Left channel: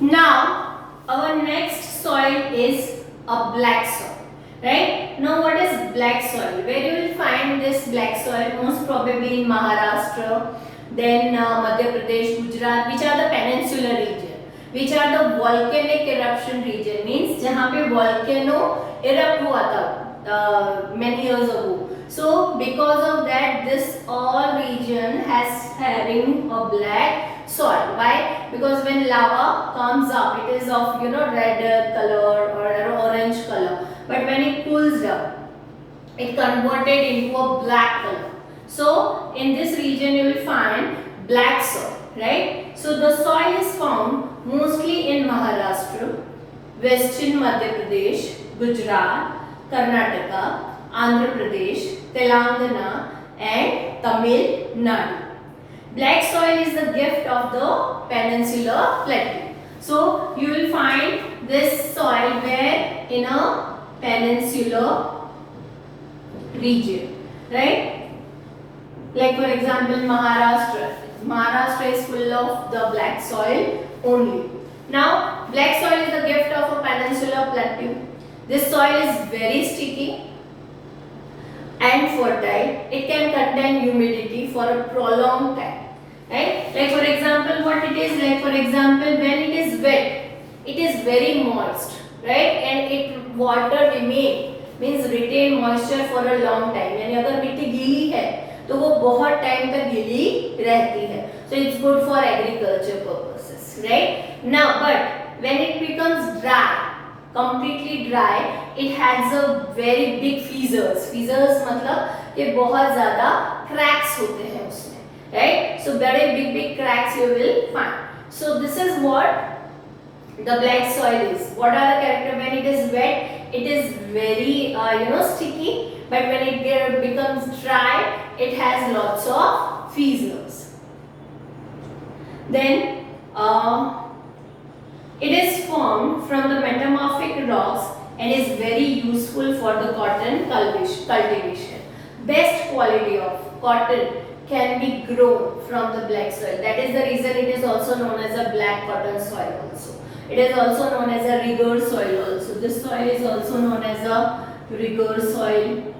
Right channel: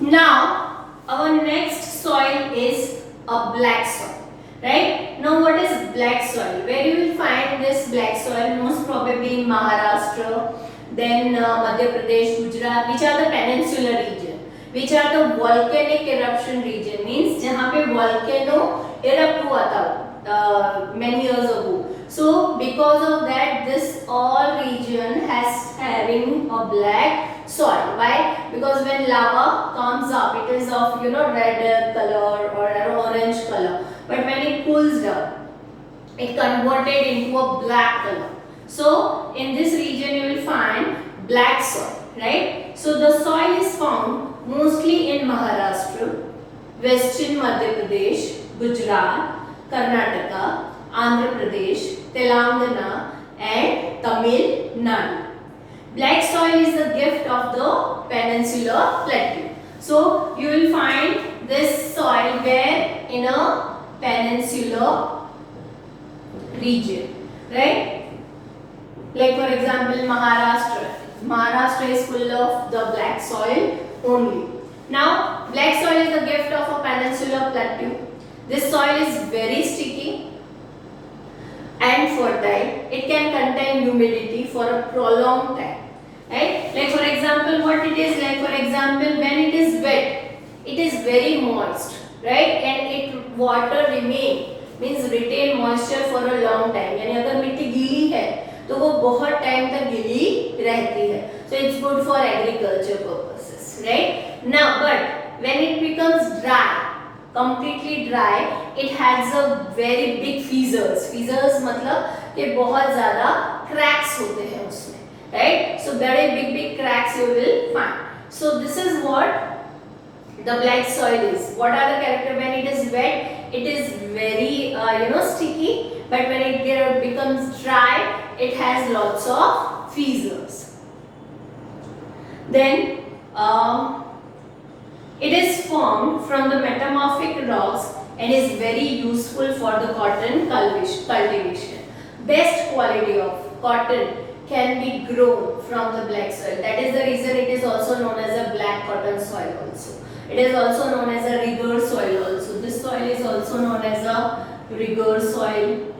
Now, our next soil is a black soil, right? Now, what is black soil? Where you will find this black soil? Most probably in Maharashtra, then Madhya Pradesh, Gujarat, which are the peninsular region, which are the volcanic eruption region, means जहाँ पे volcano erupt हुआ था many years ago. So, because of that, this all region has having a black soil. Why? Because when lava comes up, it is of red color or orange color. But when it cools down, it converted into a black color. So in this region you will find black soil, right? So the soil is found mostly in Maharashtra, Western Madhya Pradesh, Gujarat, Karnataka, Andhra Pradesh, Telangana and Tamil Nadu. Black soil is the gift of the peninsular plateau. So you will find this soil where in a peninsular region, right? Like for example Maharashtra. Maharashtra is full of the black soil only. Now black soil is the gift of a peninsular plateau. This soil is very sticky and fertile. It can contain humidity for a prolonged time, right? Like for example, what it is, like for example, when it is wet, it is very moist, right? And it water remain, means retain moisture for a long time. यानी अगर मिट्टी गीली है तो वो बहुत time तक गीली रहती है. So it's good for agriculture purposes, right? Now, but when it becomes dry, completely dry, it has a very big fissures. Fissures मतलब कि बहुत ज़्यादा cracks होते हैं उसमें, right? So बड़े big cracks you will find. So this is what the black soil is. What are the characteristics? When it is wet, it is very sticky, but when it becomes dry, it has lots of fissures. Then it is formed from the metamorphic rocks and is very useful for the cotton cultivation. Best quality of cotton can be grown from the black soil. That is the reason it is also known as a black cotton soil also. It is also known as a rigor soil also. This soil is also known as a rigor soil.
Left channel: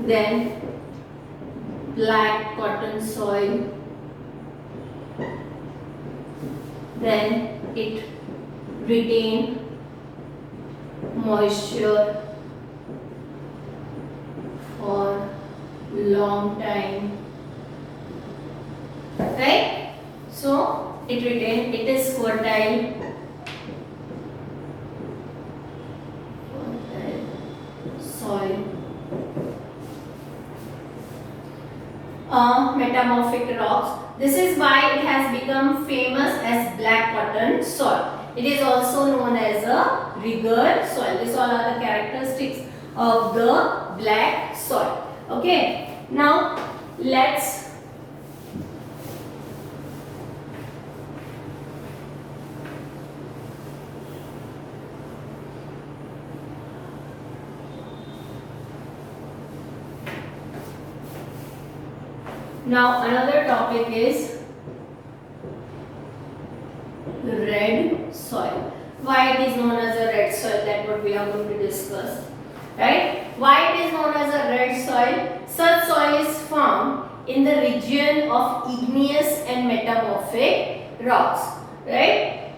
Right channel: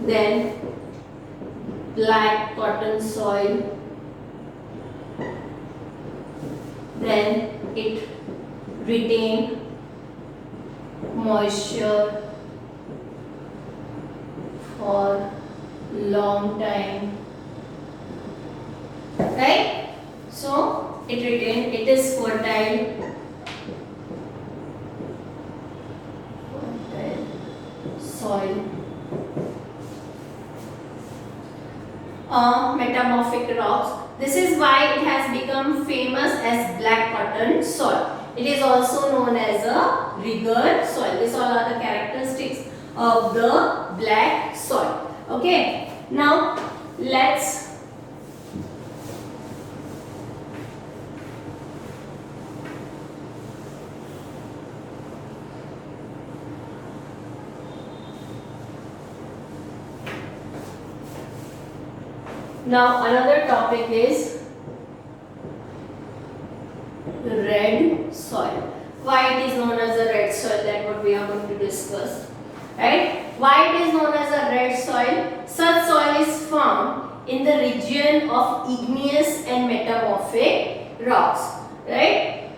Then black cotton soil. Then it retain moisture for long time, right? So it is fertile soil. Metamorphic rocks. This is why it has become famous as black cotton soil. It is also known as a rigor soil. These all are the characteristics of the black soil. Okay. Now let's now another topic is red soil. Why it is known as a red soil? That what we are going to discuss, right? Why it is known as a red soil? Such soil is found in the region of igneous and metamorphic rocks, right?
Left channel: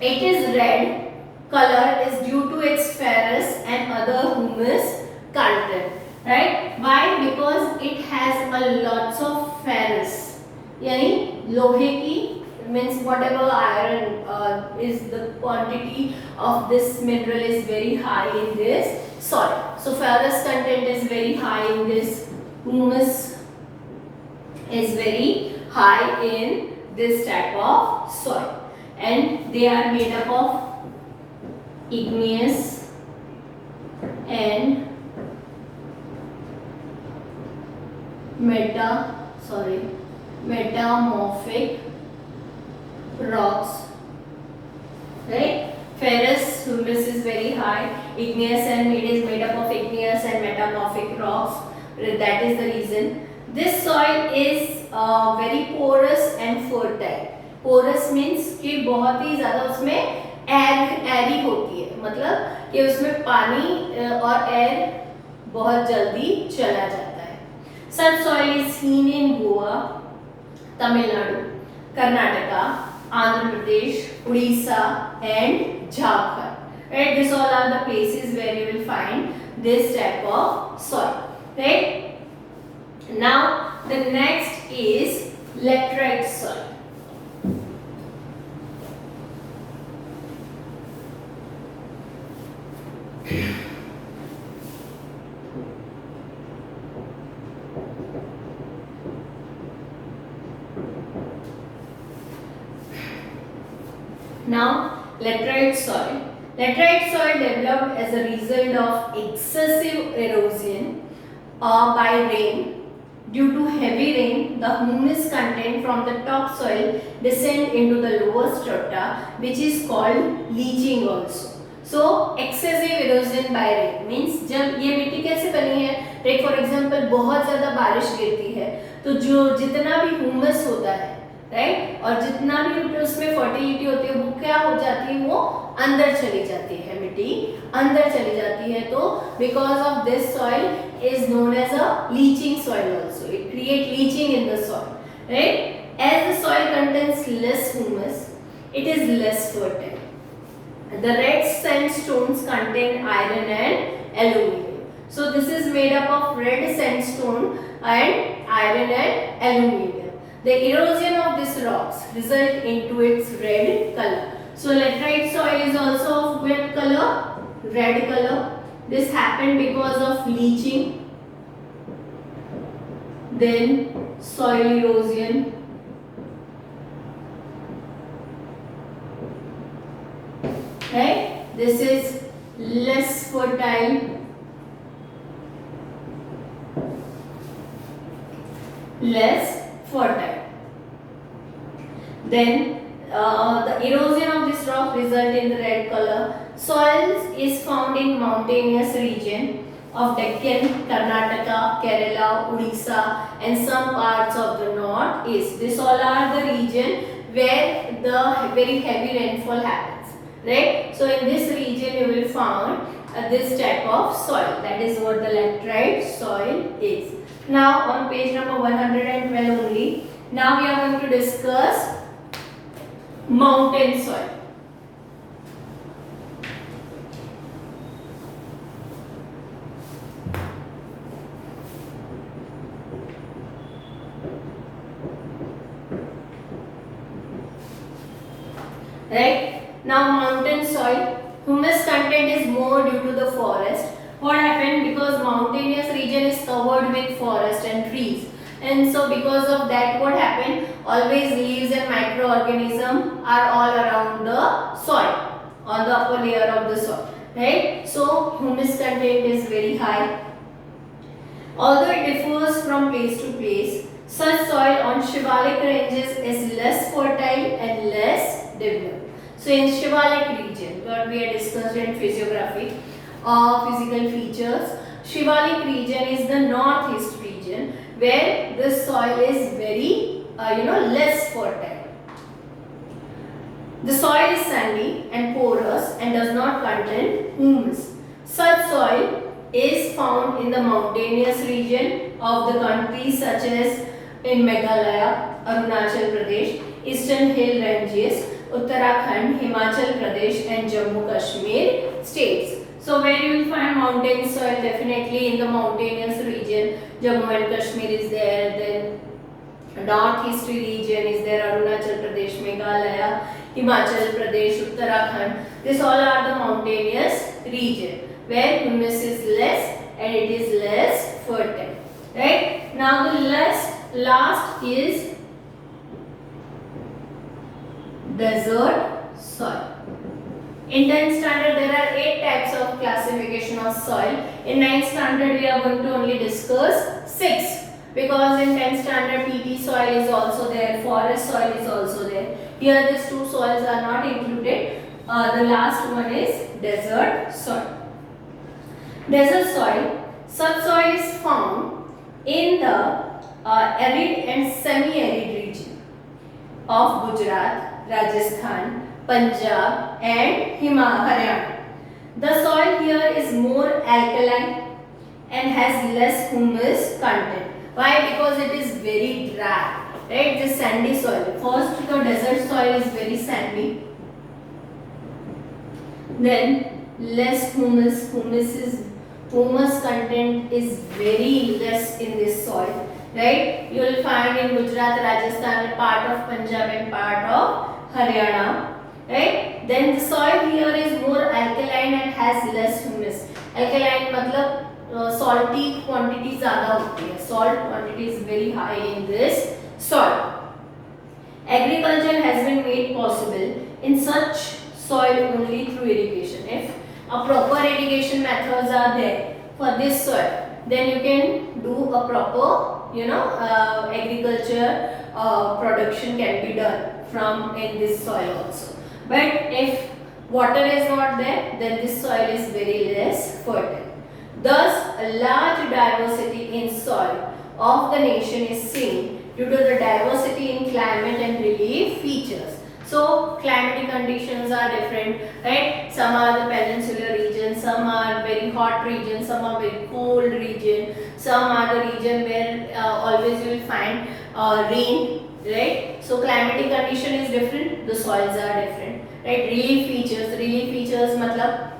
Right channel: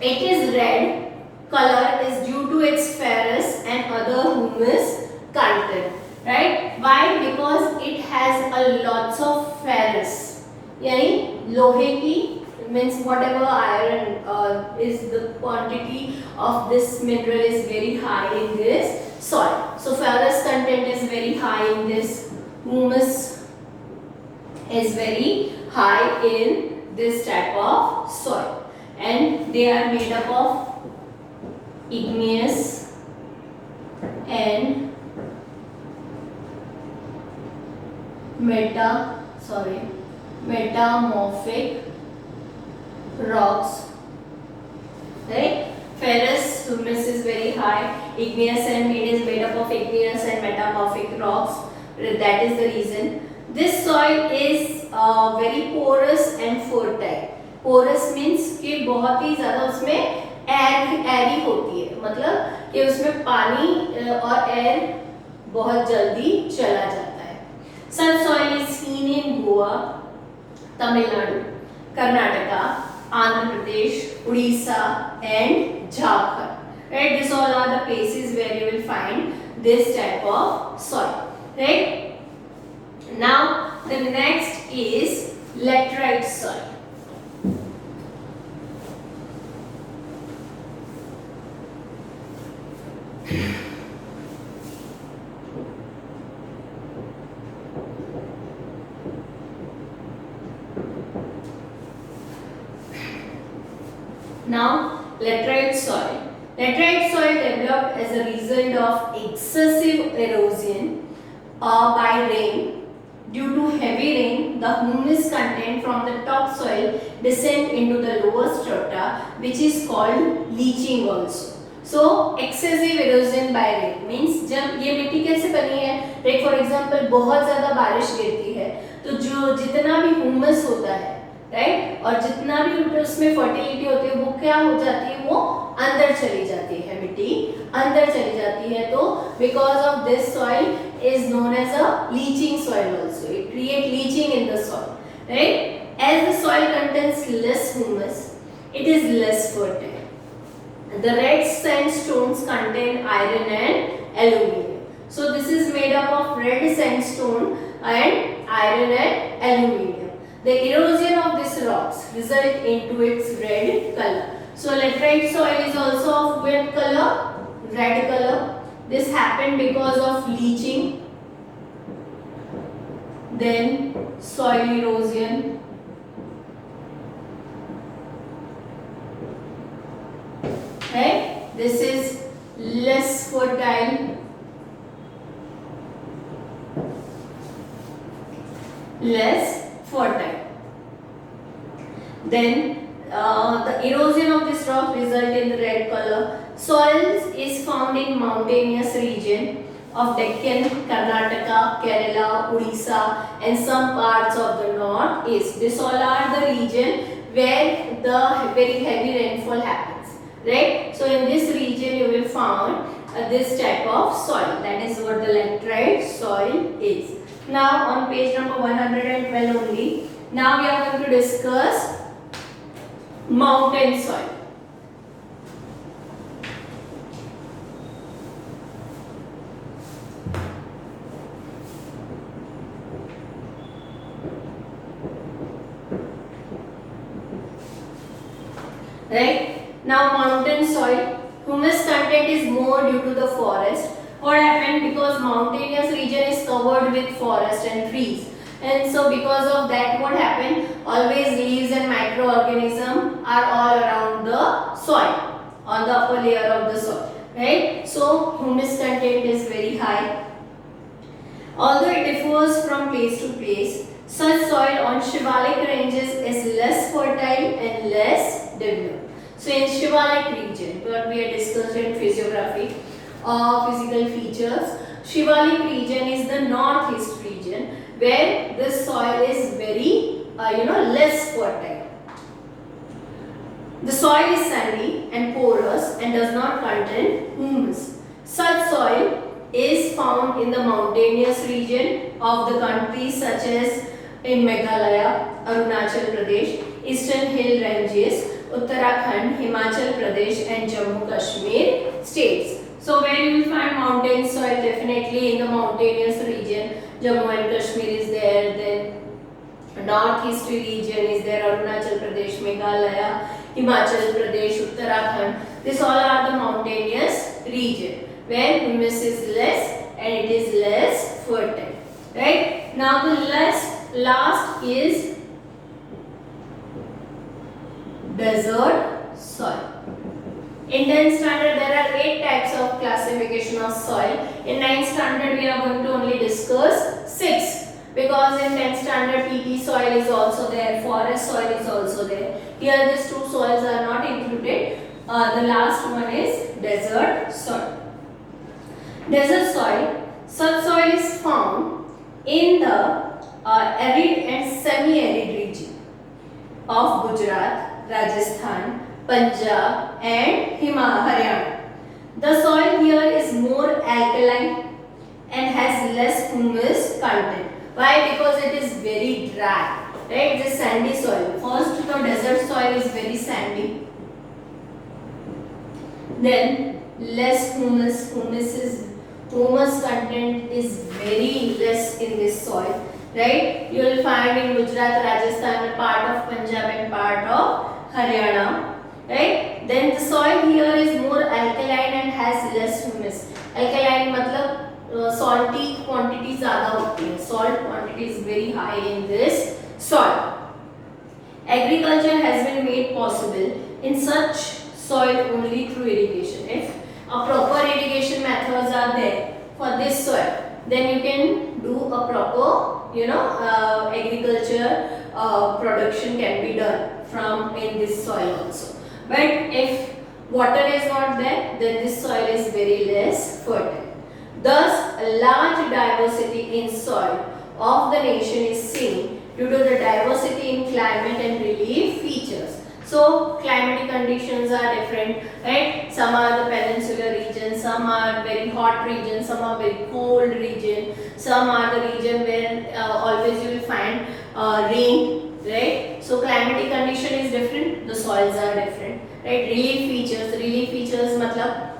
It is red color is due to its ferrous and other humus content, right? Why? Because it has a lots of ferrous, यानी लोहे की, means whatever iron is the quantity of this mineral is very high in this soil. So ferrous content is very high in this, humus is very high in this type of soil, and they are made up of igneous and metamorphic rocks, right? Ferrous humus is very high, igneous and it is made up of igneous and metamorphic rocks. That is the reason. This soil is very porous and fertile. Porous means कि बहुत ही ज्यादा उसमें एरी होती है, मतलब कि उसमें पानी और एयर बहुत जल्दी चला जाता है। Such soil is seen in Goa, Tamil Nadu, Karnataka, Andhra Pradesh, Odisha and Jharkhand. Right? These all are the places where you will find this type of soil. Right? Now the next is laterite soil. Now, laterite soil. Laterite soil developed as a result of excessive erosion by rain. Due to heavy rain, the humus content from the topsoil descend into the lower strata, which is called leaching also. So, excessive erosion by rain means जब ये मिट्टी कैसे बनी है, like for example बहुत ज़्यादा बारिश गिरती है तो जो जितना भी humus होता है, राइट, और जितना भी उसमें फर्टिलिटी होती है वो क्या हो जाती है, वो अंदर चली जाती है, मिट्टी अंदर चली जाती है। तो because of this soil is known as a leaching soil also, it create leaching in the soil, right. As the soil contains less humus, it is less fertile. The red sandstones contain iron and aluminium. So this is made up of red sandstone and iron and aluminium. The erosion of these rocks result into its red color. So laterite soil is also of what color? Red color. This happened because of leaching, then soil erosion, right? This is less fertile, then the erosion of this rock result in the red color. Soils is found in mountainous region of Deccan, Karnataka, Kerala, Odisha and some parts of the northeast. This all are the region where the very heavy rainfall happens, right? So in this region you will find this type of soil. That is what the laterite soil is. Now on page number 112 only, now we are going to discuss mountain soil. Right? Now mountain soil, humus content is more due to the forest. What happened? Because mountainous region is covered with forest and trees, and so because of that what happened, always leaves and microorganisms are all around the soil, on the upper layer of the soil, right? So humus content is very high. Although it differs from place to place, such soil on Shivalik ranges is less fertile and less developed. So in Shivalik region, what we had discussed in physiography, physical features, Shivalik region is the northeast region where the soil is very less fertile. The soil is sandy and porous and does not contain humus. Such soil is found in the mountainous region of the countries such as in Meghalaya, Arunachal Pradesh, Eastern Hill Ranges, Uttarakhand, Himachal Pradesh and Jammu Kashmir states. So where you will find mountain soil? Definitely in the mountainous region. Jammu and Kashmir is there, then northeast region is there, Arunachal Pradesh, Meghalaya, Himachal Pradesh, Uttarakhand. This all are the mountainous region where humus is less and it is less fertile, right? Now the last is desert soil. In 10th standard there are 8 types of classification of soil. In 9th standard we are going to only discuss 6, because in 10th standard peaty soil is also there, forest soil is also there. Here these 2 soils are not included. The last one is desert soil. Desert soil, subsoil is found in the arid and semi-arid region. of Gujarat, Rajasthan, Punjab and Haryana. The soil here is more alkaline and has less humus content. Why? Because it is very dry, right? The sandy soil. First, the desert soil is very sandy. Then less humus. Humus content is very less in this soil, right? You will find in Gujarat, Rajasthan, part of Punjab and part of Haryana, right? Then the soil here is more alkaline and has less humus. Alkaline मतलब salty quantity ज़्यादा होती है. Salt quantity is very high in this soil. Agriculture has been made possible in such soil only through irrigation. If a proper irrigation methods are there for this soil, then you can do a proper, agriculture production can be done from in this soil also. But if water is not there, then this soil is very less fertile. Thus, a large diversity in soil of the nation is seen due to the diversity in climate and relief features. So, climatic conditions are different, right? Some are the peninsular region, some are very hot region, some are very cold region, some are the region where always you will find rain, right? So, climatic condition is different, the soils are different, right? Relief features matlab,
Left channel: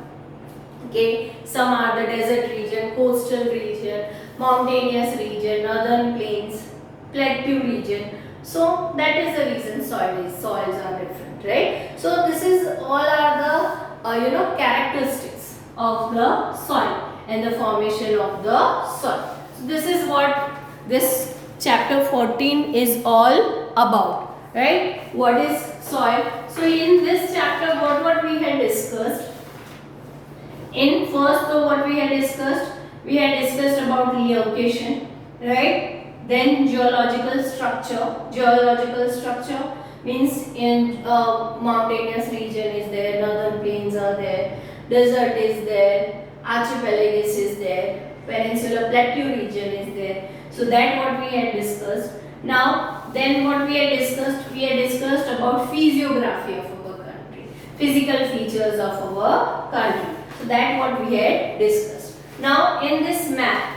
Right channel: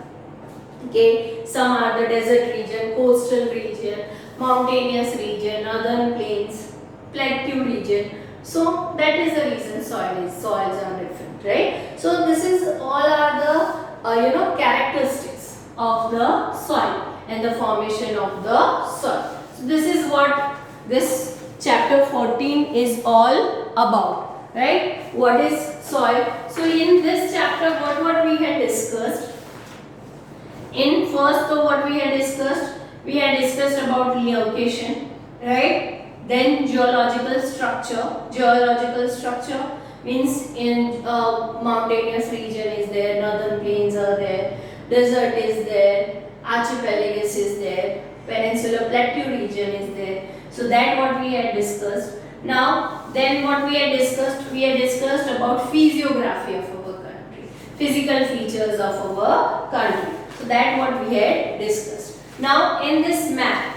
okay, some are the desert region, coastal region, mountainous region, northern plains, plateau region. So that is the reason soils are different, right? So this is all are the characteristics of the soil and the formation of the soil. So this is what this chapter 14 is all about, right? What is soil? So in this chapter, what we had discussed. In first, what we had discussed about location, right? Then geological structure. Geological structure means in mountainous region is there, northern plains are there, desert is there, archipelagus is there, peninsular plateau region is there. So that what we had discussed. Now, then what we had discussed about physiography of our country, physical features of our country. So that what we had discussed. Now in this map,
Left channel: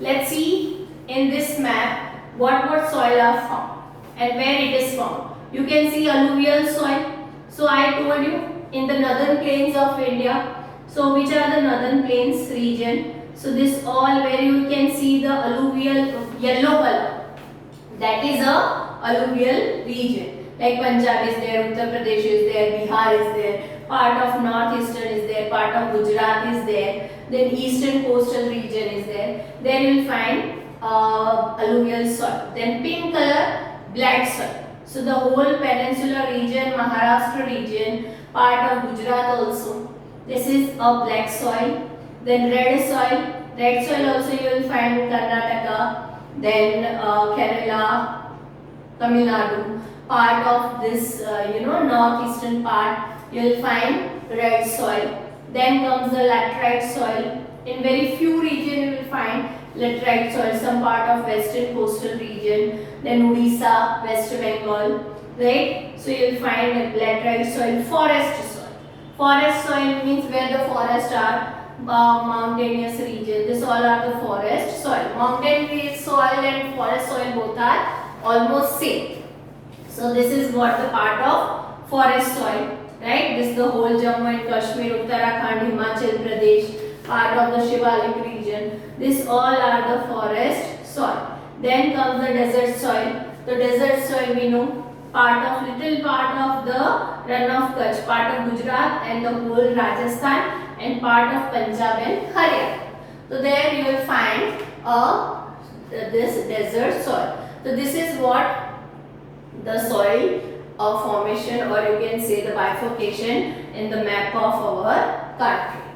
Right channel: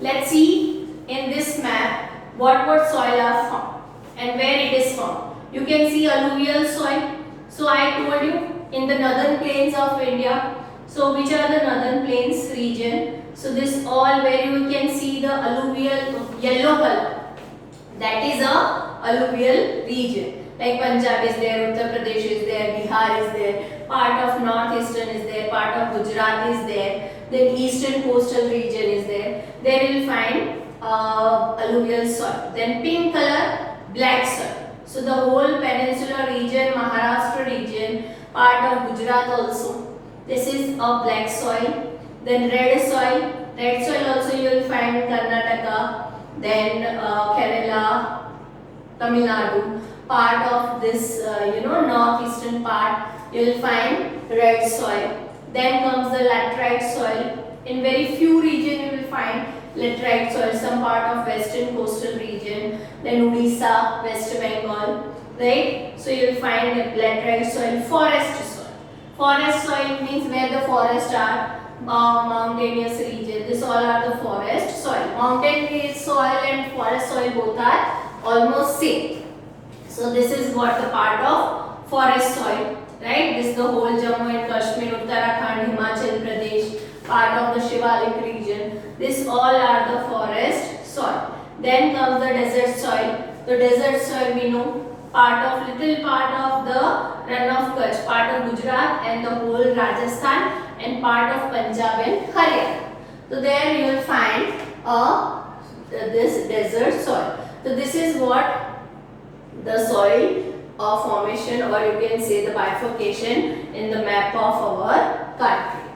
let's see in this map what soil are found and where it is found. You can see alluvial soil. So I told you in the northern plains of India. So which are the northern plains region? So this all where you can see the alluvial yellow color. That is a alluvial region. Like Punjab is there, Uttar Pradesh is there, Bihar is there, part of northeastern is there, part of Gujarat is there, then eastern coastal region is there. There you will find alluvial soil. Then pink color, black soil. So the whole peninsular region, Maharashtra region, part of Gujarat also. This is a black soil. Then red soil. Red soil also you will find in Karnataka, then Kerala, Tamil Nadu. Part of this northeastern part you will find red soil. Then comes the laterite soil. In very few region you will find laterite soil, some part of western coastal region, then Odisha, West Bengal, right? So you will find laterite soil. Forest soil. Forest soil means where the forests are, mountainous region. This all are the forest soil. Mountain soil and forest soil both are almost same. So this is what the part of forest soil, right? This is the whole Jammu and Kashmir, Uttarakhand, Himachal Pradesh, part of the Shivalik region. This all are the forest soil. Then comes the desert soil. The desert soil we know, little part of the Rann of Kutch, part of Gujarat and the whole Rajasthan and part of Punjab and Haryana. So there you will find this desert soil. So this is what the soil formation, or you can say the bifurcation in the map of our country.